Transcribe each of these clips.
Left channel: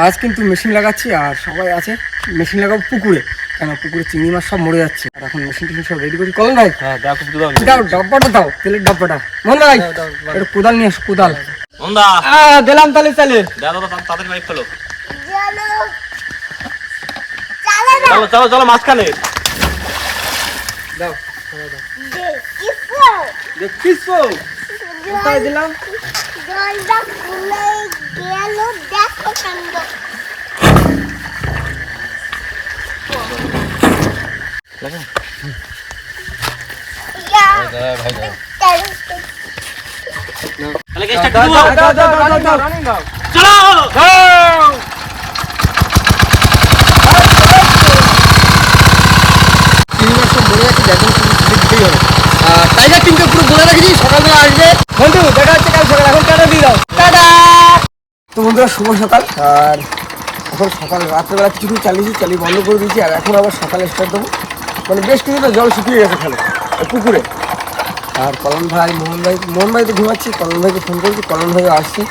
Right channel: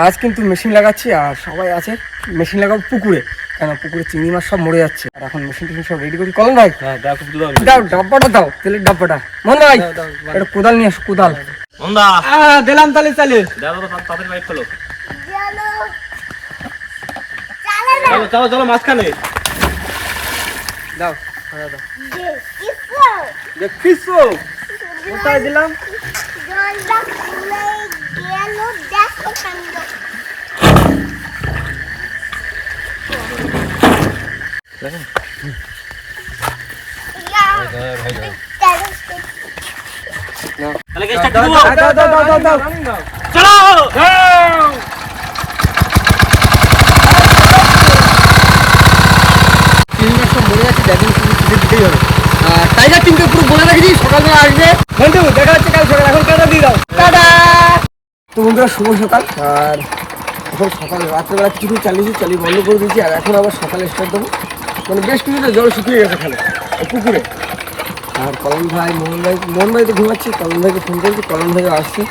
আজ কিন্তু মেশিন লাগাচ্ছি আর সবাই আছে মেশিন লাগাবো পুকুরে, কেন পুকুরে চিংড়ি মাছ সব মরে যাচ্ছে। আর এখন মেশিন টেশিন সব রেডি করি। কলম ভাই দাও ডাব্বাটা, দাও তেলের ডাব্বাটা। মন ভাই একটা কোদাল নিয়ে আসো, কোদাল দিলাম। তাহলে চালে চলো চলো মাঝখানে দাও দেখছিস কোথায় দিলাম। মরে যাচ্ছে, যার জন্য শুধু তুলে দিতেই হবে। টাইগার টিমকে পুরো বলে রেখেছি সকালবেলা আসবে। বন্ধু দেখা হচ্ছে কাল সকাল, এখন টাটা দিয়ে দাও। টাটা। তো বন্ধুরা শুভ সকাল। আর এখন সকাল রাত্রেবেলা কিছু চালিয়ে বন্ধ করে দিয়েছি। আর এখন আবার সকালে স্টার্ট দেবো, মানে বেশ কিছুটা জল শুকিয়ে গেছে খেলে পুকুরে। আর কলম ভাই মোহন ভাই তো ঘুমাচ্ছি, কলম ভাইকে ফোন করেছি, কলম ভাই আসছি।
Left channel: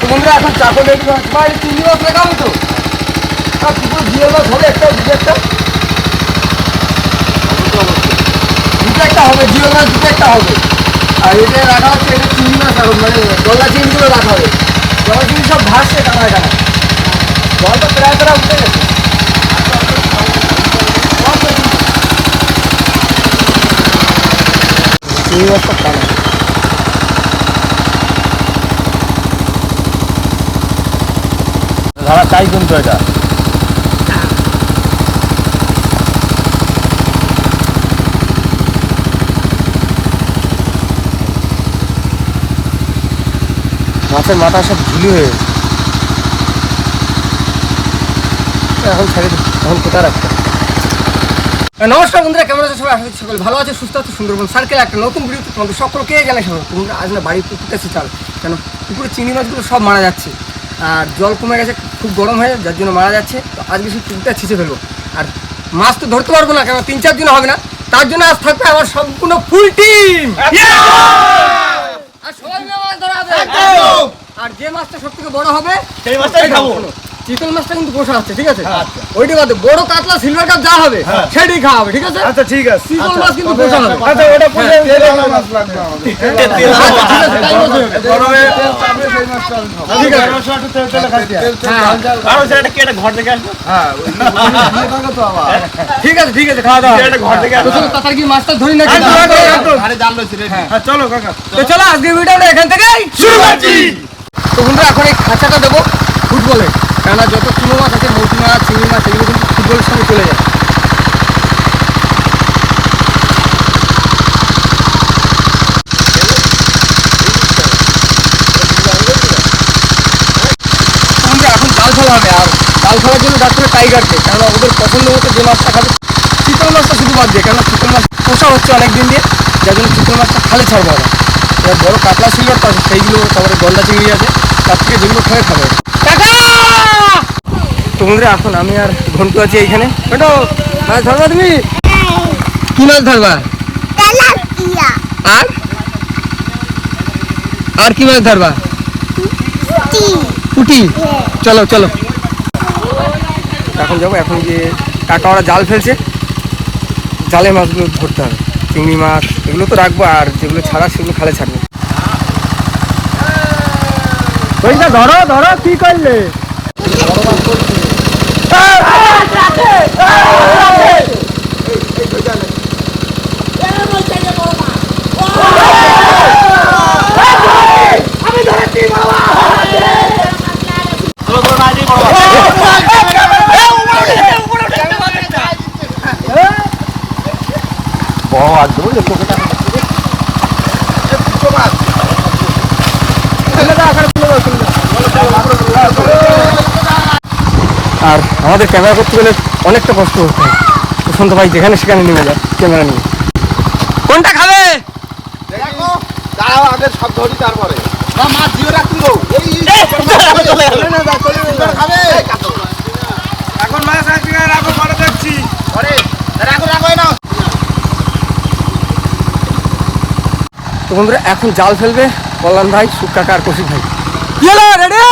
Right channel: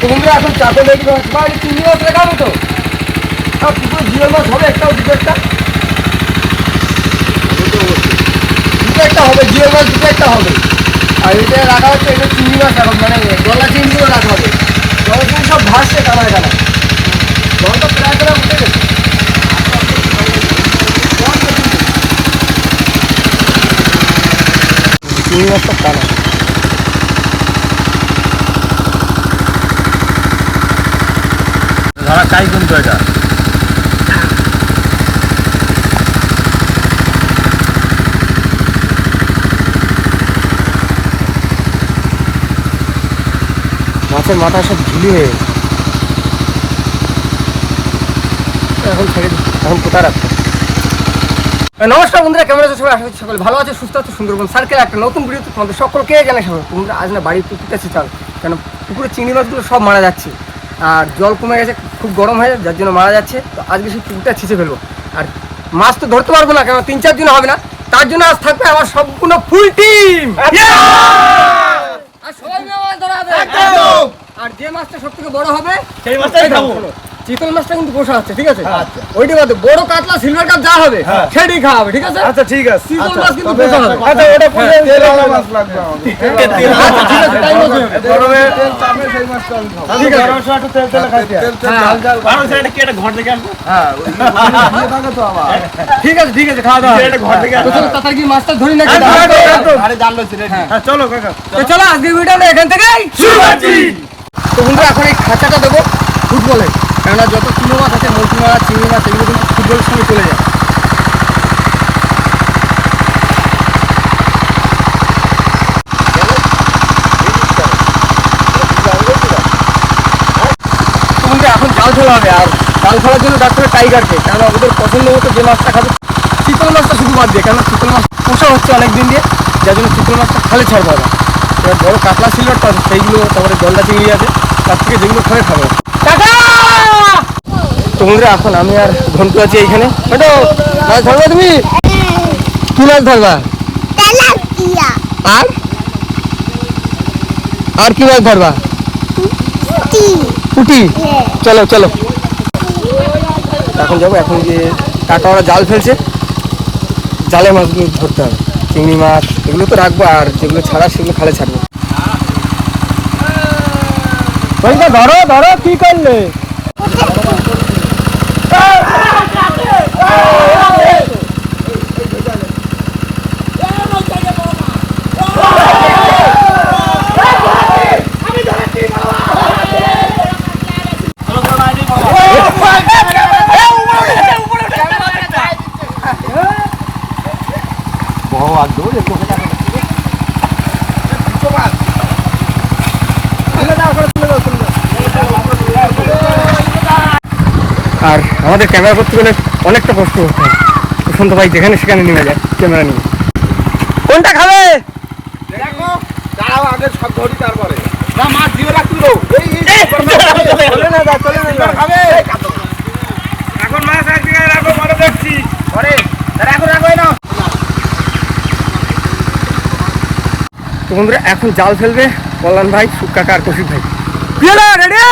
তো বন্ধুরা এখন চাকর রেডি হচ্ছে। বাইরে চিংড়ি মাছ রেখাবে তো, আর পুকুরে জিওল মাছ হবে একটা, দুটো একটা হবে, জিওল মাছ দুটো একটা হবে। আর এটা রাখা হচ্ছে এখানে চিংড়ি মাছ, এখন মানে দোলা চিংড়িগুলো রাখা হবে। দোলা চিংড়ি সব ভাসছে কানায় জলটা প্রায় উঠে গেছে। চিংড়ি মাছ সব কানা ধরা চাই কিন্তু এটা মাছের মাথা সব ঝুলি হয়ে এখন ছেড়ে দিচ্ছি। এখন কোথায় রাখছে। নমস্কার বন্ধুরা, কেমন আছে সবাই? আশা করছি সকলে ভালো আছে, সুস্থ আছে। সুন্দরবন সার্কেল একটা নতুন ভিডিওতে তোমাদের সকলকে জানাই স্বাগত। তোমরা আজ না বাড়ির পুকুরটা চাল, কেন পুকুরে চিংড়ি মাছগুলো সব মারা যাচ্ছে। আর জল কমে গেছে, খুব গরম হয়ে যার জন্য মারা যাচ্ছে। তো আজকে সেই পুকুরটা ছিঁচে ফেলবো। আর মাছ তো ধরতে পারবো না, কেন 3-4 দিন হবে না। তার জন্য আজ থাকবে আমার সম্পূর্ণ ফুল টিম। আর সবাই মিলে মাছ ধরা হবে। আর যে মাছটা সব থেকে বড় হবে সেই মাছটাই খাবো। চিতল মাছটা কিন্তু পোষা আছে, ঠিক আছে? ওইটা বাদে বড় কাতলা সিলভার কাপ যা হবে সেটাই খাওয়া হবে, ঠিক আছে? আচ্ছা ঠিক আছে। চিতল মাছ কিন্তু পোষা হবে। আচ্ছা ওটা পোষা তেলওয়ালা মাছ লাগবে আমাদের। আচ্ছা ঠিক আছে, তাই বলছি। গরমে তেল চাপে সেই মাছটা আমি খাবো। ঠিক আছে, গরমে একটু তেল তেল খাইতে। আর ওই সাইডে কি একটা ঘর দেখে আসবে? হ্যাঁ ওই দিয়ে থাকো তো আবার। ঠিক আছে খাওয়া দাওয়া। একটা ঘর দেখে আসবে। চলো তাড়াতাড়ি মাছটা ধরি না। আরে জাল লইছি রে। হ্যাঁ চলো কাকা। তো চলো আজকে ভিডিওটা এখান থেকেই শুরু করছি। তো বন্ধুরা এখন এই খাঁচাটা দেবো ফুটবলে, কেননা যত চুনো মাছ আছে, মৌসি মাছ, চিংড়ি মাছ, এগুলো কিন্তু ফুটবলের সঙ্গে চলে যায়। বন্ধুরা এখন জাল ফেলা হবে। আর জাল ফেলার জন্য ডাকতে হবে টাইগারকে, কেননা ওদের পছন্দ মতো যে মাছটা খাবে। চিতল মাছটা শুধু বাদ দিয়ে, কেননা চিতল মাছ পোষা হচ্ছে অনেক দিন দিয়ে, যার জন্য চিতল মাছটা খালে ছাড়বো আবার। এবার বড় কাতলা সিলভার তো আছে, সেইগুলো তারপরে গলদা চিংড়ি আছে, তার থেকে যেগুলো খাবে টাকা। তো বন্ধুরা এখন আমি আর ঘন্টু আছি এইখানে। মাছ ধরবা তুমি? কি মাছ ধরবা? আর কি মাছ ধরবা? পুঁটি। চলো চলো এখন যাবো। এখন গিয়ে কাকা ওরা জাল ফেলছে, জালে মাছগুলো ধরতে হবে। চিংড়ি মাছ এগুলো তো রাখবো, আর যেগুলো ছাড়া সেগুলো খালে ছাড়বো। ধরো ধরো, কি করলে? আর আমাদের ক্যামেরা করতে গেলে অনেকটা কষ্ট করতে হয়। প্রশান্ত ভাই যেখানে সেখানে নেমে যায় ক্যামেরা নিয়ে। কোনটা খাবে? সব ধরি তারপরে মাছ জিও রাখলো। এখন মাছ তো বন্ধুরা এখন জাল ফেলবে কল্যাণ ভাই, সুখ কাকা আর কৌশিক ভাই। রেডি?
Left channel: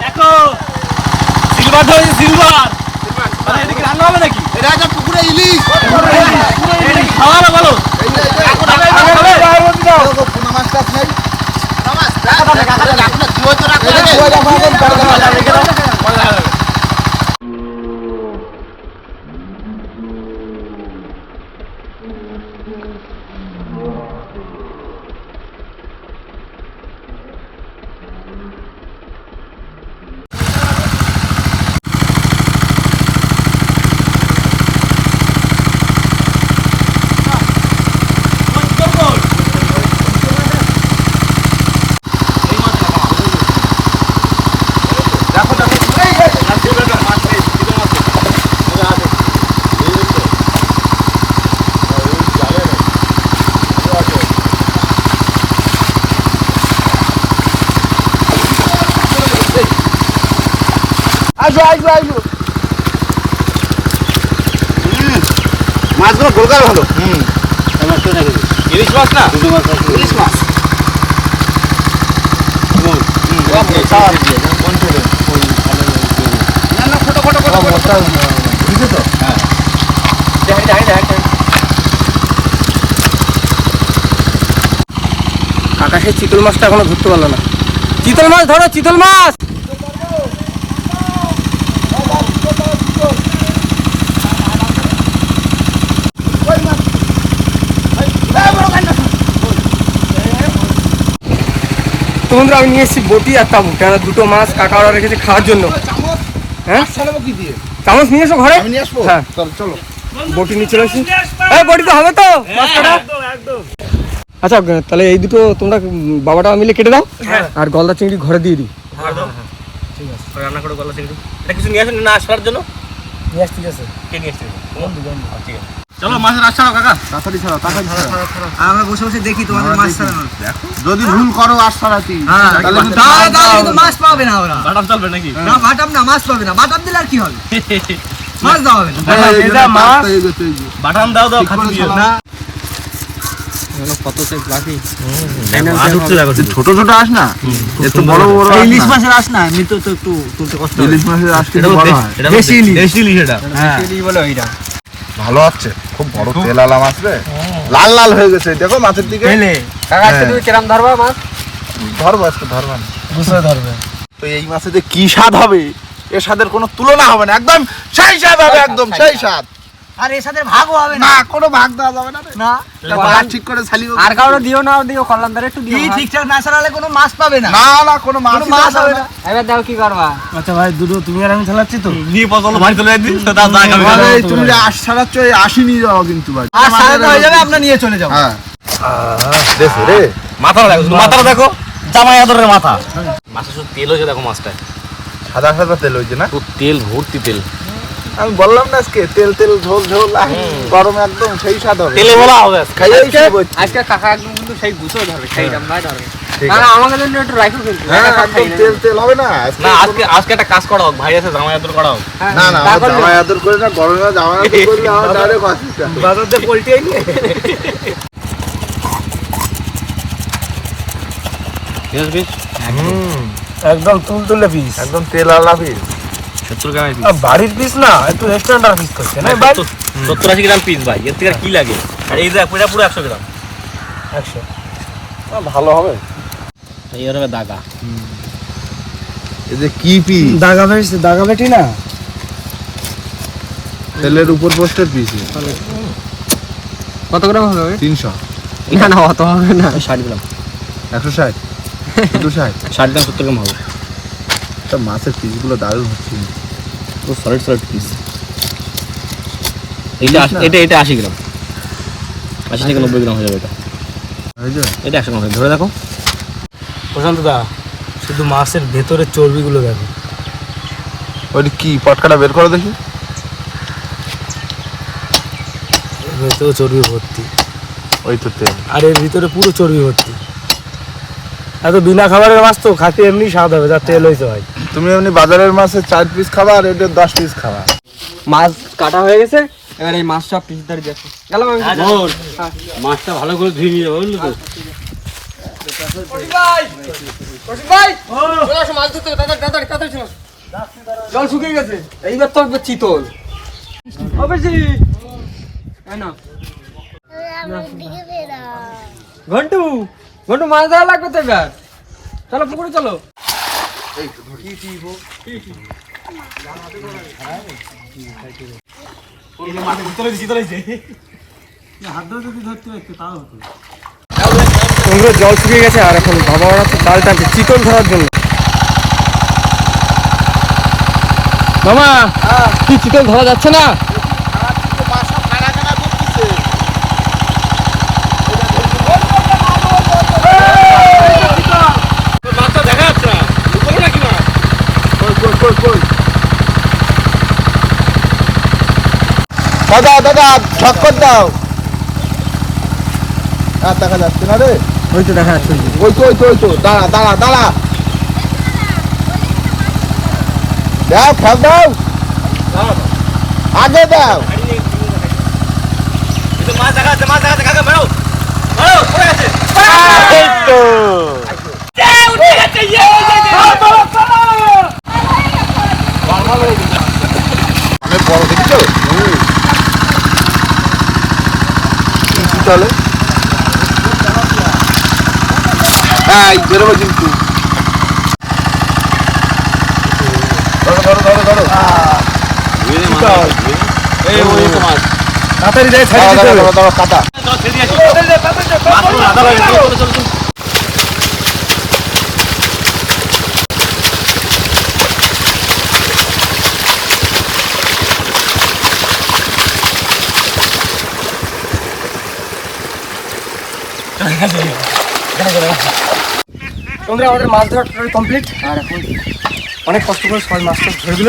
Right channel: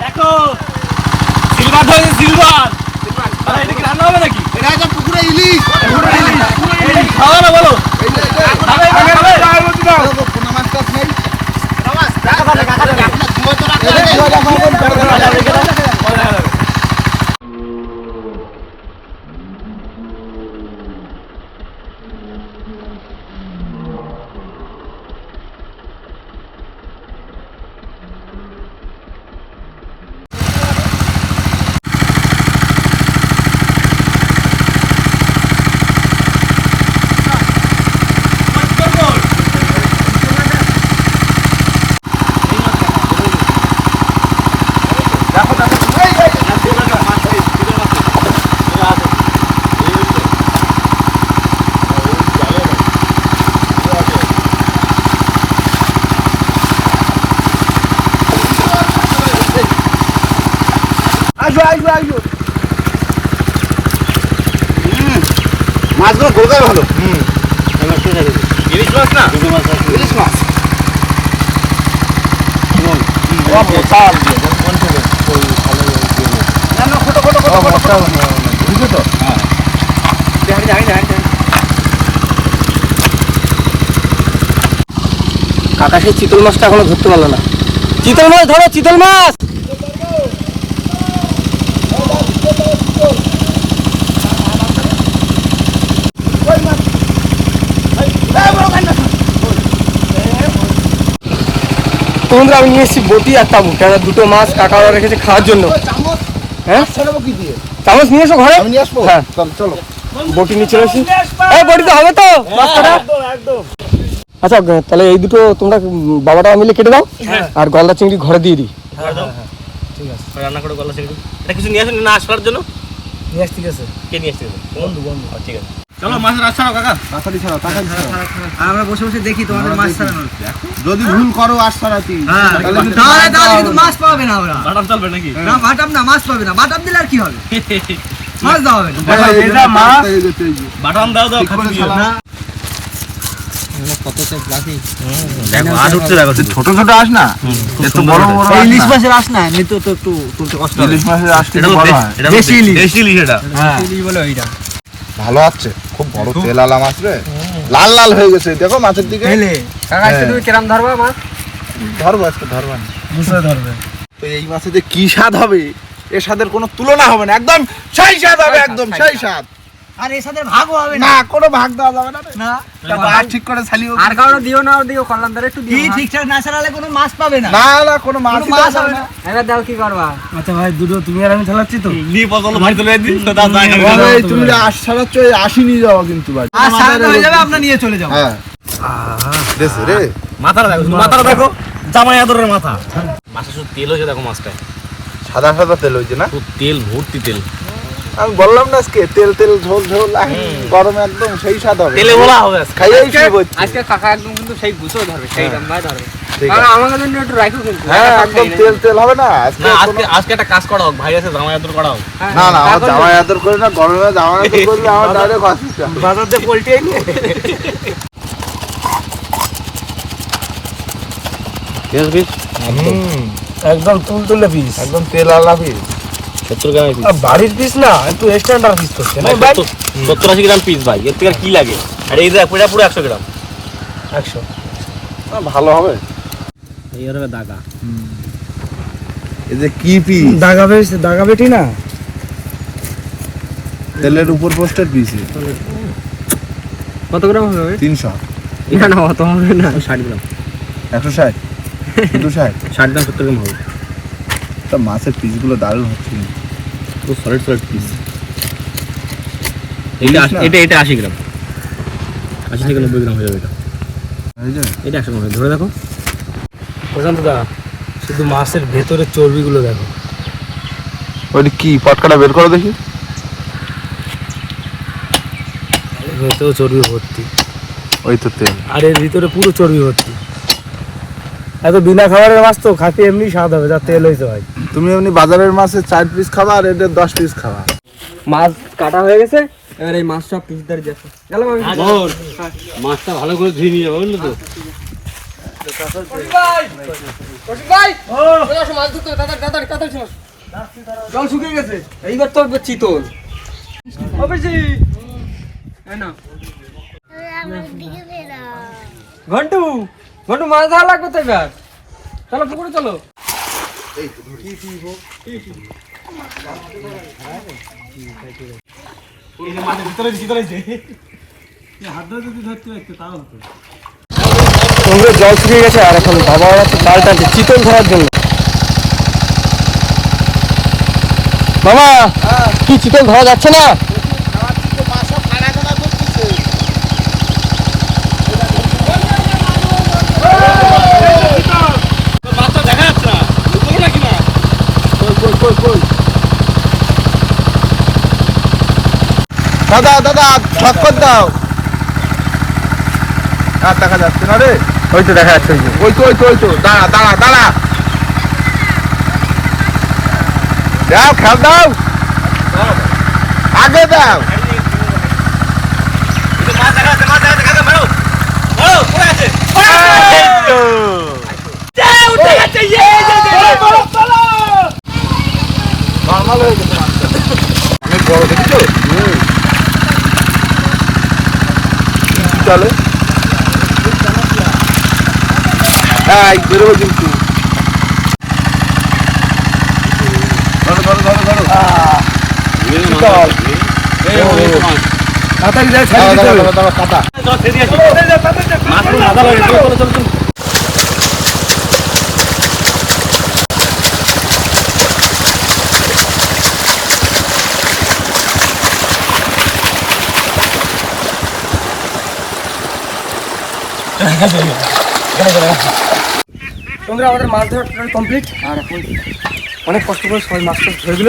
দেখো সিলভার ধরেছি, সিলভার। এটা কি রান্না হবে নাকি? এটা একটা পুকুরে ইলিশ। এটা কি খাওয়া না বলো? পোনা মাছটা আপনার মাছগুলো গোলগাল হলো। ইলিশ মাছ না? ইলিশ মাছ না, ফটো বুঝছো তো? কাকা সেই চিতল মাছটা এখনো ধরতে পারলো না। চিতল মাছ ধরো, চিতল মাছ। তো বন্ধুরা আমি নিয়ে এসেছি বটি আর তাবু, কেন দুটো মাছ কাকা ওরা রেখেছে খাওয়ার জন্য। হ্যাঁ চামচ নিয়ে এসো ঘরে। হ্যাঁ চলো বটি নিয়ে চলে আসি। এই বটি তো হবে তো মাছ কাটা? আচ্ছা তাহলে এই দুটো তোমরা বাবাটা মিলে কেটে দাও, আর গলদা চিংড়ি ঘরে দিয়ে দিই। ঠিক আছে, রান্না করে গলা চিংড়ি। এটা কিছু নিয়ে আসেন না আসার জন্য? নিয়ে আসছি। ঠিক আছে, কে নিয়ে আসছে? বন্ধু। ঠিক আছে, চলো মাছের রাত ছাড়াও কাকা। তাড়াতাড়ি ছাড়াও, তাড়াতাড়ি ছাড়াও। আমরা বসে বসে দেখি তোমাদের মাছ ছাড়ানো। যদি ভুল করো আজ ছাড়াতি তাহলে কিন্তু মাছ পাবে না ওরা। বাটাম চলবে নাকি? না বাটাম না, মাছ পাবে না। বাটাম দিলে আর কি হবে? মাছ দেওয়া হবে না। বাটাম দাও খাচ্ছি দিও না। ছোট ছোট আস না, একটু বড় বড় ইলিশ মাছের আস না। এমনি তো একটু তুলতে কষ্ট হয়। ইলিশ মাছের আস কিন্তু বড় হয়। দেশি ইলিশ, দেশি ইলিশ এটা। হ্যাঁ বলে ওইটা ভালো আছে, খুব বড় তেল আলা মাছ রে, লাল লাল হয়ে গেছে। দেখো মাছের দিকে। কাকা আজকে তুমি কিরম ধরবা মাছ? ধরবো আজকে, ধরবা না বুঝে ধরবে। তো এই মাছে যে কি স্বাদ হবে, এর স্বাদের কোনো তুলনা হবে না। একদম সেই স্বাদ হবে, একদম সেই স্বাদ। আর এর সাথে ভাগও হবে না, কোনো ভাগ দেওয়া যাবে না। না ঠিক করে ছালিও। আর কারো দিও না, দিও কল্যাণদারে একটু দিও। কি ঠিকঠাক না ছাড়ালে কোনো মাছ পাবে না। না না, কোনো মাছ হবে না। এবার দাও কি করবা? আচ্ছা ভাই দুটো তুমি আর আমি চালাচ্ছি তো। নিয়ে পছন্দ ভাই চলে যাচ্ছি তো দাদা খাবে। তুমি যে আশ ছাড়াচ্ছ, এই আশি নিয়ে যাও কিন্তু ভাই। আর সারাটা হয়ে যাবে, আমরা নিয়ে চলে যাবো। হ্যাঁ দেখো রে, মাথাটা দেখো, মাথাটা দেখো, জামাই আদরের মাথা। মাছের শুধু তেল হয়েছে দেখো মাছটা। সাদা সাদা তেল হয়েছে না? শুধু তেল ভর্তি তেল। আমি বললাম না আজকে তেল তেল ঝোল ঝোল, গরমে একদম সেই স্বাদ হবে। তেলে বলা হবে আজকে কাকা একদম কিন্তু সেই গুছো ধরবে, সেই জামদাই ধরবে। আমাকে জন্য একটু রাখো কিন্তু। হ্যাঁ একদম তেল তেল হবে না। না আজকে একটা কাজ করা হোক, ভাই আছে জামাই আদর করা হোক। না না, আমার জামাই আদর করে না, গরমে জামাই আদর করলে আমার ডাইরেক্ট অসুবিধা। বাজার দিয়ে পোল্ট্রি আইনি একদম তুলতুলে পিস, একদম তেল আলা পিস। 70 গ্রামের পিস। বাড়ির পিস না, একটু স্ট্যান্ডার্ড পিস করছে না। 70-80 গ্রাম পিস ভাই, এর থেকে আর কি লাগে? আর এই যে পুরো 100 গ্রাম। ভালো হবে। এই হবে দাগা। এই যে কি পিস দাগা বেটি না তেলের উপর পোস্টের পিস কত গ্রাম হবে? 300 না অত হবে না, 60 গ্রাম 160 260 60 গ্রাম 70 গ্রাম হবে। তা মাছের পিসগুলো দারুণ হচ্ছে। পুরো সলিড পিস। এটা 80 গ্রাম, 80 থেকে 90 গ্রাম হয়ে যাবে এটা। এটা 100 গ্রাম হবে, ধরে দেখো। প্রশান্ত দা, শুধু মাছের ভেতরের চর্বিগুলো দেখো। ওইটা কি পাটকাটা বের করে দেখি। ভেতরেও চর্বি ভর্তি, ওই তো তেল। আর এর ভিতরে পুরো চর্বি ভর্তি। এত বিনা খাবারের মাছ তো খাতে এমনি স্বাদ হবে, যা তেল হয়েছে ভাই। তুমি এমনি বাজারের মাছে 4 পিস খাবা আর এটা 10 পিস খাবা। মাছ কাটা হয়ে গেছে, এবার এই মাছ সব পিস ধরে যাচ্ছে। গেল মাছটা ভালো করে ধুয়ে নিয়ে যাবো, বুঝলো তো? জল শুকিয়ে গেছে, এইবার তো চিতল। ঘন্টু ঘন্টু মাছ দেওয়া লাগবে তো এবার। চলো পুকুরে চলো। জল শুকিয়ে গেছে আর এখন বাবা ওরা তো জাল টানছে চিতল ধরার জন্য। মামা কি চিতল ধরা যাচ্ছে না? দাদা দাদা ঠক্কর দাও। আর দেখা যাচ্ছে না রে। ওই তো দেখা যাচ্ছে, ওই তো দাঁড়া দাঁড়া দাঁড়া দাও, খেল দাও, আগে দাও। মাছ দেখা যাচ্ছে, খাবে, মারো মারো, পড়ে গেছে। অনেক বড় দেখিছো? কি চলে? হ্যাঁ বেরোবে কিন্তু। ধরো তাড়াতাড়ি যাই ছাড়িয়ে দিতে হবে। কাটা। চলো ছেড়ে দিয়ে আসি। মাছ পুরো আধা লাগে, চলো। তোমরা আমাদের মাছ ধরা টোটাল কমপ্লিট। আর এখন অনেক কষ্ট করে সবাই মাছ টাছ ধরে দিল।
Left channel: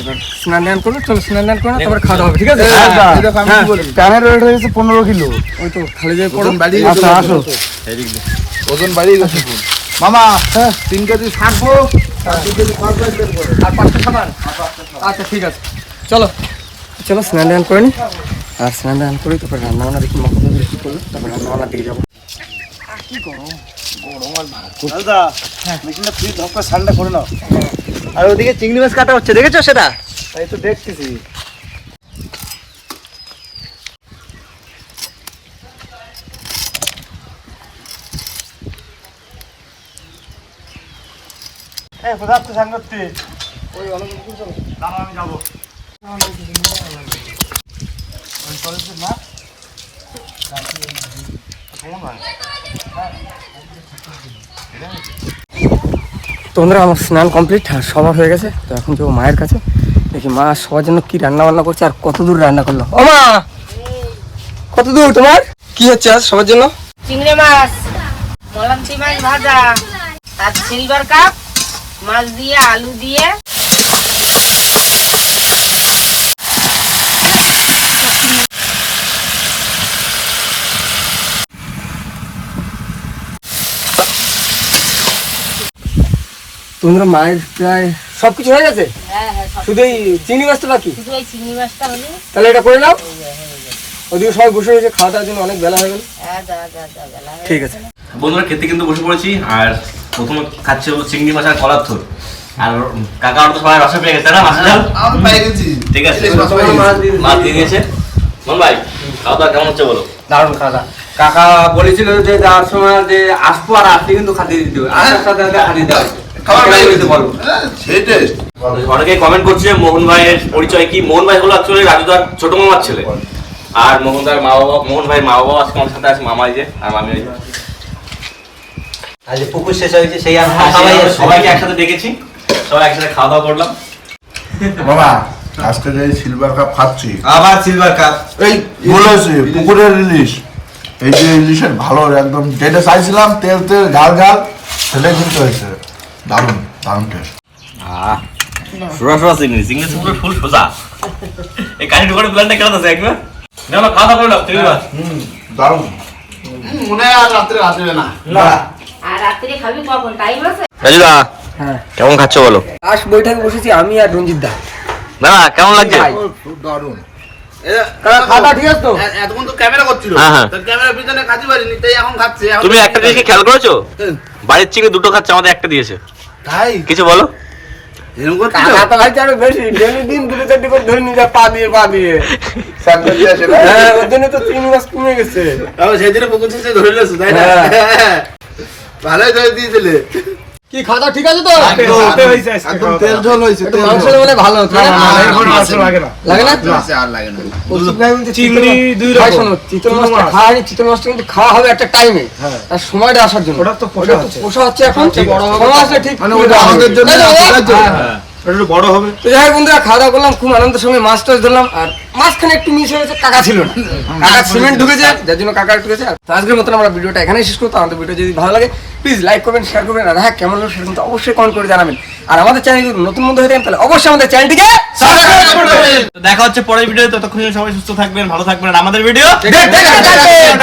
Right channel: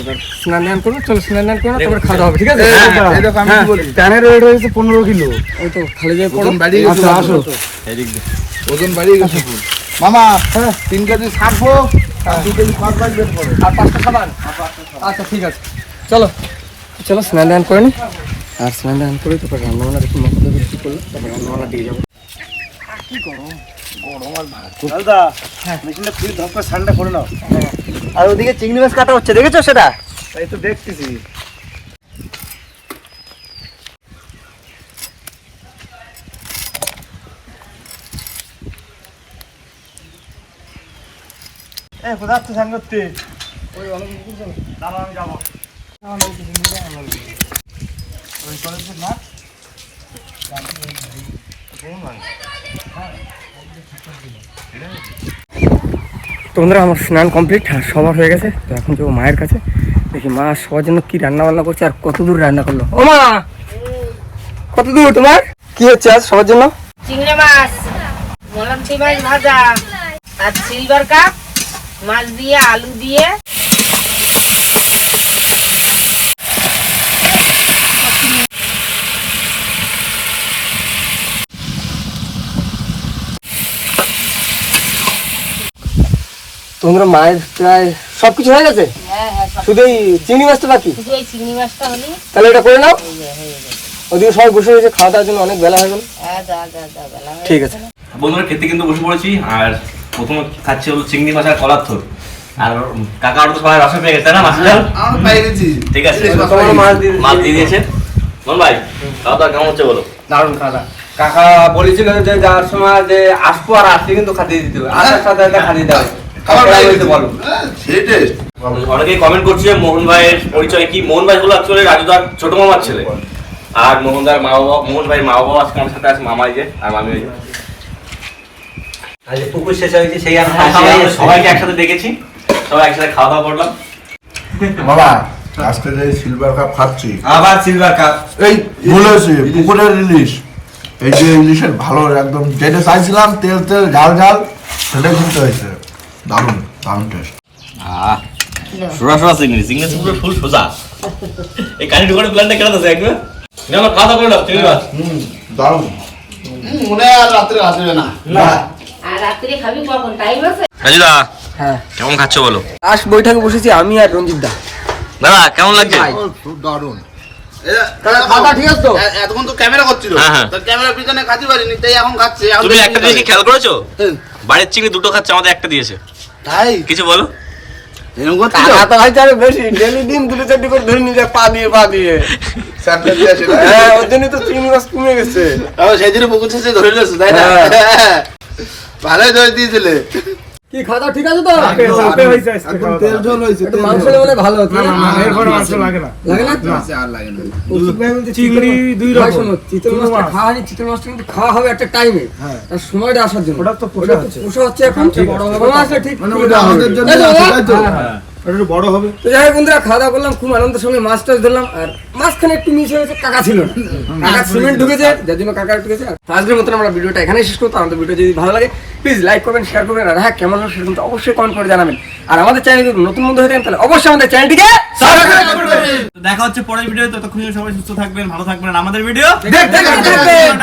এবার স্নান দান করবে, চলো স্নান দান করে তারপরে খাওয়া হবে, ঠিক আছে? এই দেখো আমি কি বলি, প্যানের ওয়েট হয়ে গেছে 15 কিলো। ওই তো খালি যাই পড়ো, বাড়িয়ে গেছে। আসো ওজন বাড়িয়ে গেছে মামা। 3 কেজি ছাড়বো আর 2 কেজি খড় বের করো আর 5টা সাবান। আচ্ছা ঠিক আছে, চলো স্নান দান করে নি। আর স্নান দান করে তারপর রান্না বান্না দেখি মা কতদূর কি করলো, তারপর রান্না বান্নার দিকে যাবো। কি গরম আর দাদা, মেশিনটা ফ্রি ধপ করে ঠান্ডা করে নাও। আর ওদিকে চিংড়ি মাছ কাটা হচ্ছে, দেখেছো সেটা? এই তো দেখতেছি। কোথায় স্নান করতে? ওই অনেক আমি যাবো। তোমরা আমার স্নান কমপ্লিট আর সবার হয়ে গেছে, তো এখন যাবো মায়ের কাছে। দেখি মা সবার জন্য কি রান্না বান্না করছে আর কত দূর রান্না করলো। ও মা, কত দূর তোমার কি হচ্ছে আজ সবার জন্য? চিংড়ি মাছ, মলান্তি মাছ ভাজা আর সিলভার কাপ মাছ দিয়ে আলু দিয়ে। তোমরা মায়ের প্রায় সবকিছু হয়ে গেছে, হ্যাঁ শুধু এই চিংড়ি মাছটা বাকি। শুধু এই চিংড়ি মাছটা হলে তাহলে এটা করে নাও। ওদিকে সবাই বসে রয়েছে, খাওয়া দাওয়ার জন্য অনেক বেলা হয়ে গেল। বেলা হয়ে ঠিক আছে বন্ধুরা, খেতে কিন্তু বসে পড়েছি। আর প্রথমে খাচ্ছে হলো চিংড়ি মাছ আর কলার থোর। আর কাকা তো সবাই রসে পেয়ে গেছে না, মাছের ঝাল। আমি পাই গেছি। ঠিক আছে, মাছ দিয়ে দিয়েছে। মন ভাই, খাওয়া দাওয়া কেমন হচ্ছে বলো? দারুণ খাওয়া দাওয়া। কাকা বলেছিল যে যাওয়ার সময় যে আসবো আর আসলে কিন্তু খাতিয়ে দিতে হবে, আসার সাথে সাথে খাতিয়ে দেওয়া হয়। খাবার কেন ভাই হয়েছে বলো? সেই টেস্ট। অনেকে কমেন্ট করছে যে মোহন ভাইয়ের পরিচয় কি। মোহন ভাই হলো অ্যাকচুয়ালি রাজুদার ছোট মামার ছেলে। আর মোহন ভাইয়ের মা বাবা আজকে আমার সাথে আছে, মামাই যে আর মামি ওই যে। আজ পুকুর শেষ হয়েছে সেই আর সবাইকে একসাথে ডেকেছি, সবাই একসাথে খাওয়া দাওয়া করলাম। বাবা আজকে যে সিলভার কাপ খাচ্ছি, আবার সিলভার কাপ। এই বলেছি পুকুরের ইলিশ, এই যে ইলিশের ভালো একদম যেটা চাইছিলাম, তেল তেল ঝাল ঝাল, সেটাই কিন্তু হয়েছে। দারুণ দারুণ টেস্ট। সোজা চিংড়ি পুরো ফুল সোজা। এই কাঠি ঢোকানোর প্ল্যানটা কেন আছে একবার? না খাওয়া দাওয়া করে নাও চিংড়ি মাছ। দারুণ। মনে হয় আর রাত্রে আসবে না। আর রাত্রে খাবি কখন? টাইম আছে? রাজুদা হ্যাঁ কেমন খাচ্ছ বলো? লাস্ট বৈঠকে বসেছি আমি আর রঞ্জিত দা। দাদা কেমন লাগছে? খুব দারুণ। খাওয়া ঠিক আছে তো? এতক্ষণ তো ক্যামেরা করছিল, হ্যাঁ, হ্যাঁ। তো ক্যামেরার পিছনে খাতে পারিনি, তাই এখন খাচ্ছে। এখন তুমি তো একটা জিনিস কি খেয়াল করেছো? বাড়ির চিংড়ি দুটো খাচ্ছে, আমাদের একটা দিয়েছে। তাই কিছু বলো? এরকম করছিল? টাকা তো ভাই আরো বেশি, ডেলি দিন 2-4টি করে ধরে নিয়ে যায় পা দিয়ে। স্যাম্পল দিয়ে আসে না? হ্যাঁ ওর জন্য তো চিংড়ি মাছ কমে গেছে। তাও সেই দিনে পুকুর শেষে ধরে নিয়েছো, তাই না? ভালোই ধরে দিয়েছিলে। কি খাওয়া দাওয়া ঠিক আছে তো? একদম তেল ঝোল হয়েছে। একটু মাংস হলে মনে হয় ভালো হতো, তাই না? লাগে না? আর লাগে না। চিংড়ি দুই রকম। শোনো, চিতল মাছটা খাওয়া হয়নি, চিতল মাছটা কিন্তু খাওয়া হবে একটা টাইমে, আর সময়টা আসার জন্য। ওটা তো পোষা হচ্ছে এখন, সময় আসলে ঠিক মানে ওটা আমাদের জন্য তাই তো? আছে, তাই তো? হ্যাঁ। তো যাই হোক বন্ধুরা, খাওয়া দাওয়া করলাম, খুব আনন্দের সঙ্গে মাছ টাছ ধরলাম। আর মাঝখানে একটু মিস হয়েছে, কাকা ছিল না, কাকা সিমেন্ট ঢুকেছে, যার জন্য কাকা একটু গেছে। তো আজকের মতন আমরা ভিডিওটা এখানেই শেষ করবো। আমাদের ভিডিও যদি ভালো লাগে প্লিজ লাইক করবেন, শেয়ার করবেন, আর হ্যাঁ কেমন হলো সেটা কিন্তু অবশ্যই কমেন্ট করে জানাবেন। আর আমাদের চ্যানেল যদি নতুন বন্ধু হয়ে থাকেন তাহলে অবশ্যই আমাদের চ্যানেলটিকে সাবস্ক্রাইব করবেন। দেখা হচ্ছে পরের ভিডিও, ততক্ষণ সবাই সুস্থ থাকবেন, ভালো থাকবেন, আর আমাদের ভিডিও দেখতে থাকুন।